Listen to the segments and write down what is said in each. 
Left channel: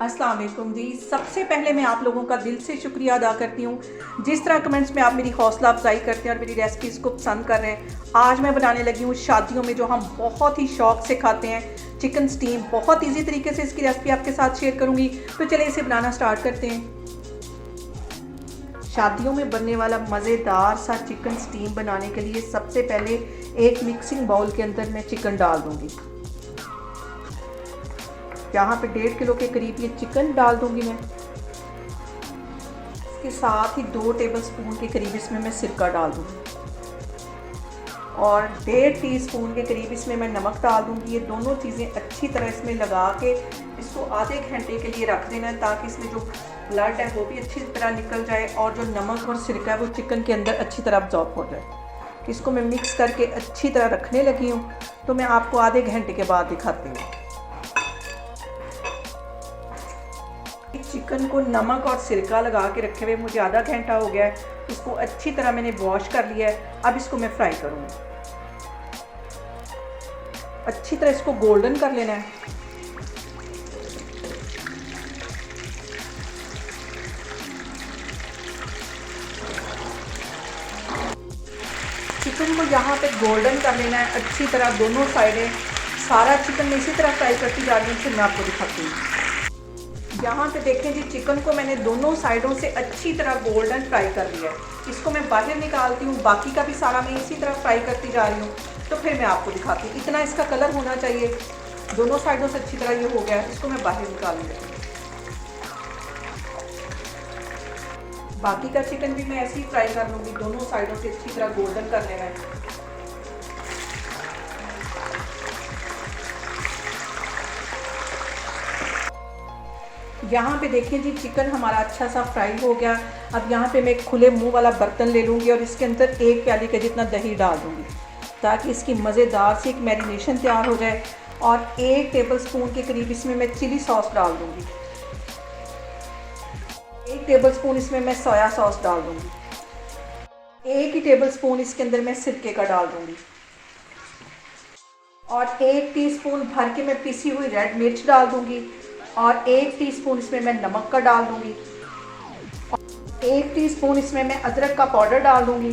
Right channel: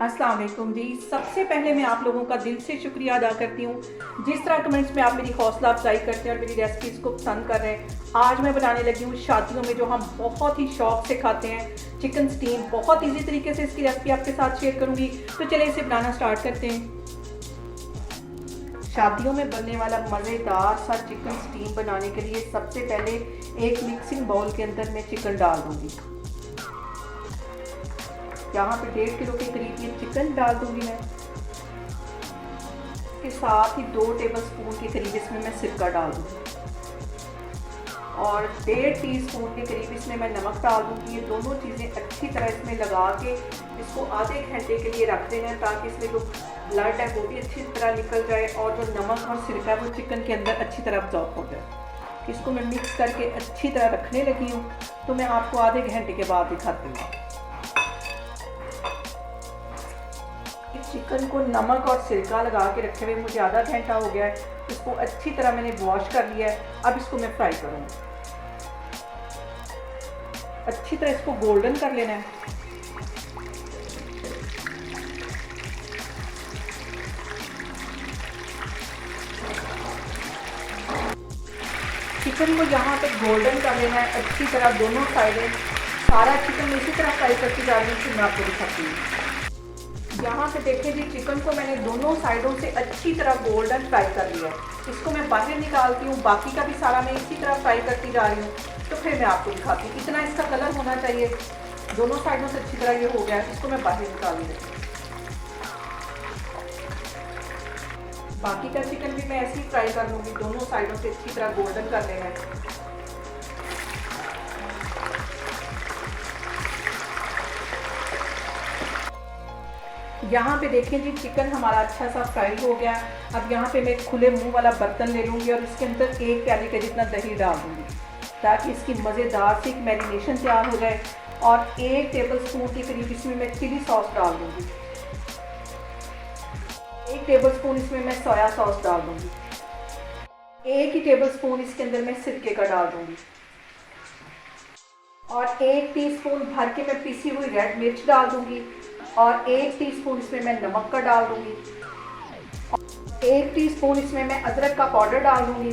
अस्सलाम वालेकुम जी। सबसे पहले मैं आप लोगों का दिल से शुक्रिया अदा करती हूँ जिस तरह कमेंट्स में आप मेरी हौसला अफजाई करते हैं और मेरी रेसिपीज़ को पसंद कर रहे हैं। आज मैं बनाने लगी हूँ शादियों में जो हम बहुत ही शौक से खाते हैं, चिकन स्टीम। बहुत इजी तरीके से इसकी रेसिपी आपके साथ शेयर करूँगी, तो चलिए इसे बनाना स्टार्ट करते हैं। शादियों में बनने वाला मज़ेदार सा चिकन स्टीम बनाने के लिए सबसे पहले एक मिक्सिंग बाउल के अंदर मैं चिकन डाल दूँगी। यहाँ पे 1.5 किलो के करीब ये चिकन डाल दूंगी मैं। इसके साथ ही 2 टेबलस्पून के करीब इसमें मैं सिरका डाल दूंगी और 1.5 टीस्पून के करीब इसमें मैं नमक डाल दूंगी। ये दोनों चीज़ें अच्छी तरह इसमें लगा के इसको आधे घंटे के लिए रख देना है ताकि इसमें जो ब्लड है वो भी अच्छी तरह निकल जाए और जो नमक और सिरका है वो चिकन के अंदर अच्छी तरह अब्जॉर्ब हो जाए। इसको मैं मिक्स करके अच्छी तरह रखने लगी हूँ, तो मैं आपको आधे घंटे के बाद दिखाती हूँ। चिकन को नमक और सिरका लगा के रखे हुए मुझे आधा घंटा हो गया है। इसको अच्छी तरह मैंने वॉश कर लिया है। अब इसको मैं फ्राई करूँगी। अच्छी तरह इसको गोल्डन कर लेना है। चिकन को यहाँ पे गोल्डन कर लेना है अच्छी तरह, दोनों साइडें। सारा चिकन इसी तरह फ्राई करती जा रही हूँ, फिर मैं आपको दिखाती हूँ। यहाँ पे देखें जी, चिकन को मैंने दोनों साइडों से अच्छी तरह गोल्डन फ्राई कर लिया है। इसको मैं बाहर निकालती हूँ, बाकी का भी सारा मैं इसी तरह फ्राई करती जा रही हूँ, तो फिर मैं आपको दिखाती हूँ। इतना इसका कलर होना चाहिए, दोनों साइडों से अच्छी तरह ये हो गया। इसको मैं बाहर निकाल लूँगी। बाकी का चिकन भी मैं ऐसे ही फ्राई कर लूँगी, दोनों साइडों से अच्छी तरह गोल्डन कर लेना है। यहाँ पे देखें जी, चिकन हमारा अच्छा सा फ्राई हो गया। अब यहाँ पे मैं एक खुले मुंह वाला बर्तन ले लूँगी और इसके अंदर 1 प्याली का जितना दही डाल दूँगी ताकि इसकी मज़ेदार सी एक मैरिनेशन तैयार हो जाए। और 1 टेबलस्पून के करीब इसमें मैं चिली सॉस डाल दूँगी। 1 टेबलस्पून इसमें मैं सोया सॉस डाल दूँगी। 1 ही टेबलस्पून इसके अंदर मैं सिरके का डाल दूँगी और 1 टीस्पून भर के मैं पिसी हुई रेड मिर्च डाल दूँगी और 1 टीस्पून इसमें मैं नमक का डाल दूँगी। 1 टीस्पून इसमें मैं अदरक का पाउडर डाल दूँगी।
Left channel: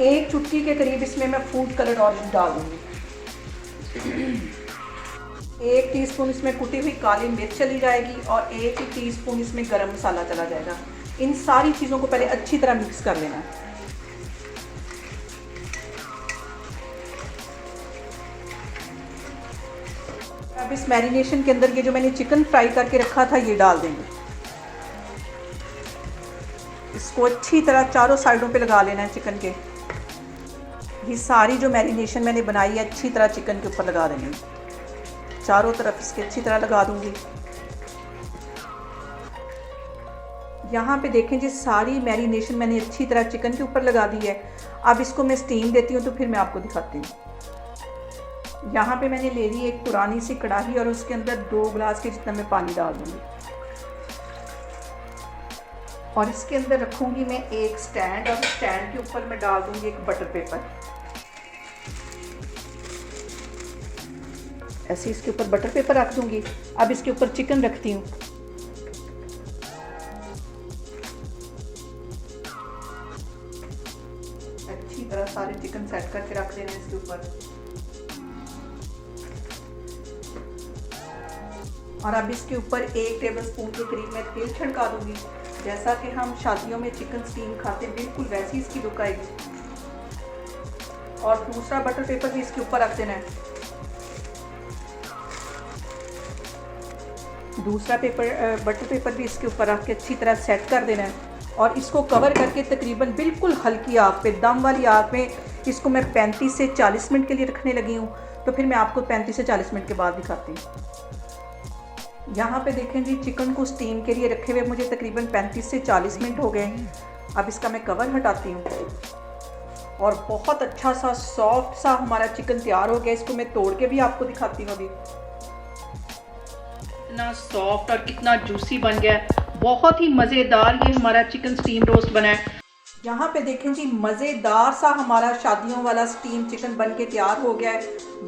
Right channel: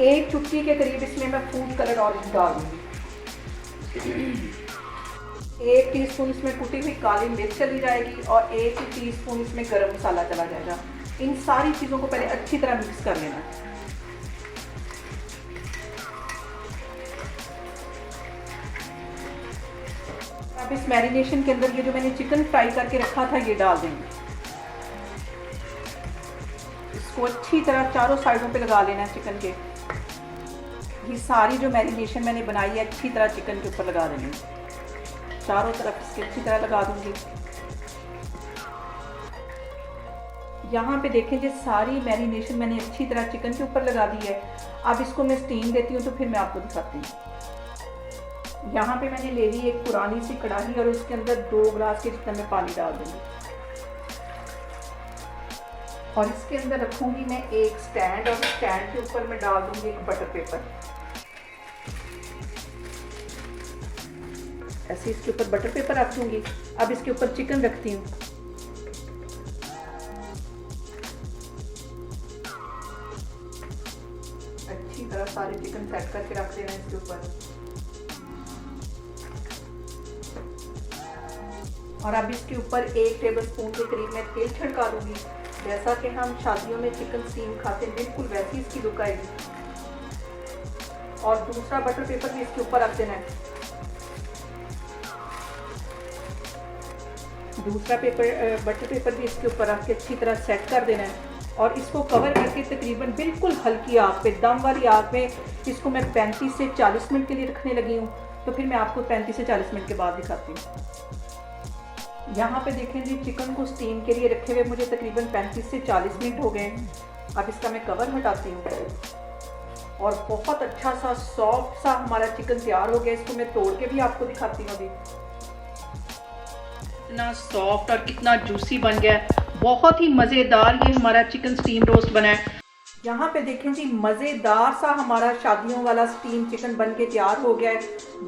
1 चुटकी के करीब इसमें मैं फूड कलर ऑरेंज डाल दूँगी। 1 टीस्पून इसमें कुटी हुई काली मिर्च चली जाएगी और 1 टीस्पून इसमें गरम मसाला चला जाएगा। इन सारी चीज़ों को पहले अच्छी तरह मिक्स कर लेना है। अब इस मैरिनेशन के अंदर ये जो मैंने चिकन फ्राई करके रखा था ये डाल देंगे। इसको अच्छी तरह चारों साइडों पे लगा लेना है चिकन के। ये सारी जो मैरिनेशन मैंने बनाई है अच्छी तरह चिकन के ऊपर लगा देनी है। चारों तरफ इसके अच्छी तरह लगा दूंगी। यहाँ पे देखें जी, सारी मैरिनेशन मैंने अच्छी तरह चिकन के ऊपर लगा दी है। अब इसको मैं स्टीम देती हूँ, तो फिर मैं आपको दिखाती हूँ। यहाँ पे मैंने ले ली एक पुरानी सी कढ़ाई और उसके अंदर 2 गिलास के जितना मैं पानी डाल दूँगी और इसके अंदर रखूँगी मैं एक स्टैंड और स्टैंड के ऊपर मैं डाल दूँगी एक बटर पेपर। ऐसे इसके ऊपर बटर पेपर रख दूँगी। अब इसके ऊपर चिकन रखती हूँ। अच्छी तरह सारे चिकन सेट करके रख देना इसके ऊपर। और अब इसके ऊपर 1 टेबलस्पून के करीब मैं तेल छिड़का दूंगी। जैसा कि हम शादियों में चिकन स्टीम खाते हैं, बिल्कुल वैसी इसकी लुक आएगी। और दूसरा बटर पेपर भी इसके ऊपर रख देना है। दूसरा बटर पेपर भी इसके ऊपर रख के अच्छी तरह सेट कर देना है और इसको कवर करके तकरीबन बिल्कुल हल्की आग पे, दम वाली आग में इसको मैं 35 से 40 मिनट के लिए रखने लगी हूँ। तो फिर मैं आपको 35 से 40 मिनट के बाद दिखाती हूँ। यहाँ पे देखें जी, चिकन को स्टीम के लिए रखे हुए मुझे तकरीबन 35 से 40 मिनट हो गए। अब इसका मैं कवर हटाती हूँ और बहुत अच्छा सा सॉफ्ट सा हमारा चिकन तैयार हो गया। इसको मैं तोड़ के भी आपको दिखाती हूँ। अभी कितना सॉफ्ट और कितना जूसी बन गया है। बहुत ही मज़ेदार ये हमारा चिकन स्टीम रोस्ट बना है। यहाँ पे देखें जी, मज़ेदार सा हमारा शादियों वाला स्टीम चिकन बन के तैयार हो गया है।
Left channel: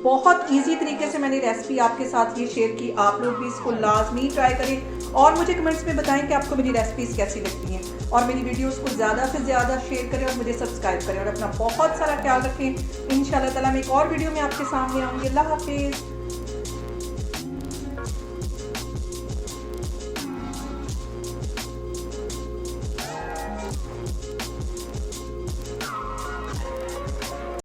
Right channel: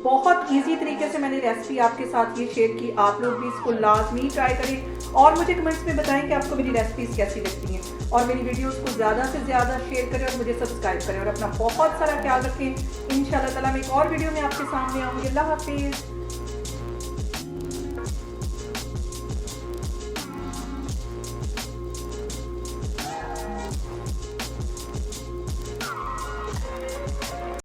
बहुत इजी तरीके से मैंने रेसिपी आपके साथ ये शेयर की। आप लोग भी इसको लाजमी ट्राई करें और मुझे कमेंट्स में बताएं कि आपको मेरी रेसिपीज़ कैसी लगती हैं, और मेरी वीडियोस को ज़्यादा से ज़्यादा शेयर करें और मुझे सब्सक्राइब करें, और अपना बहुत सारा ख्याल रखें। इंशाल्लाह ताला मैं एक और वीडियो में आपके सामने आऊँगी। अल्लाह हाफिज़।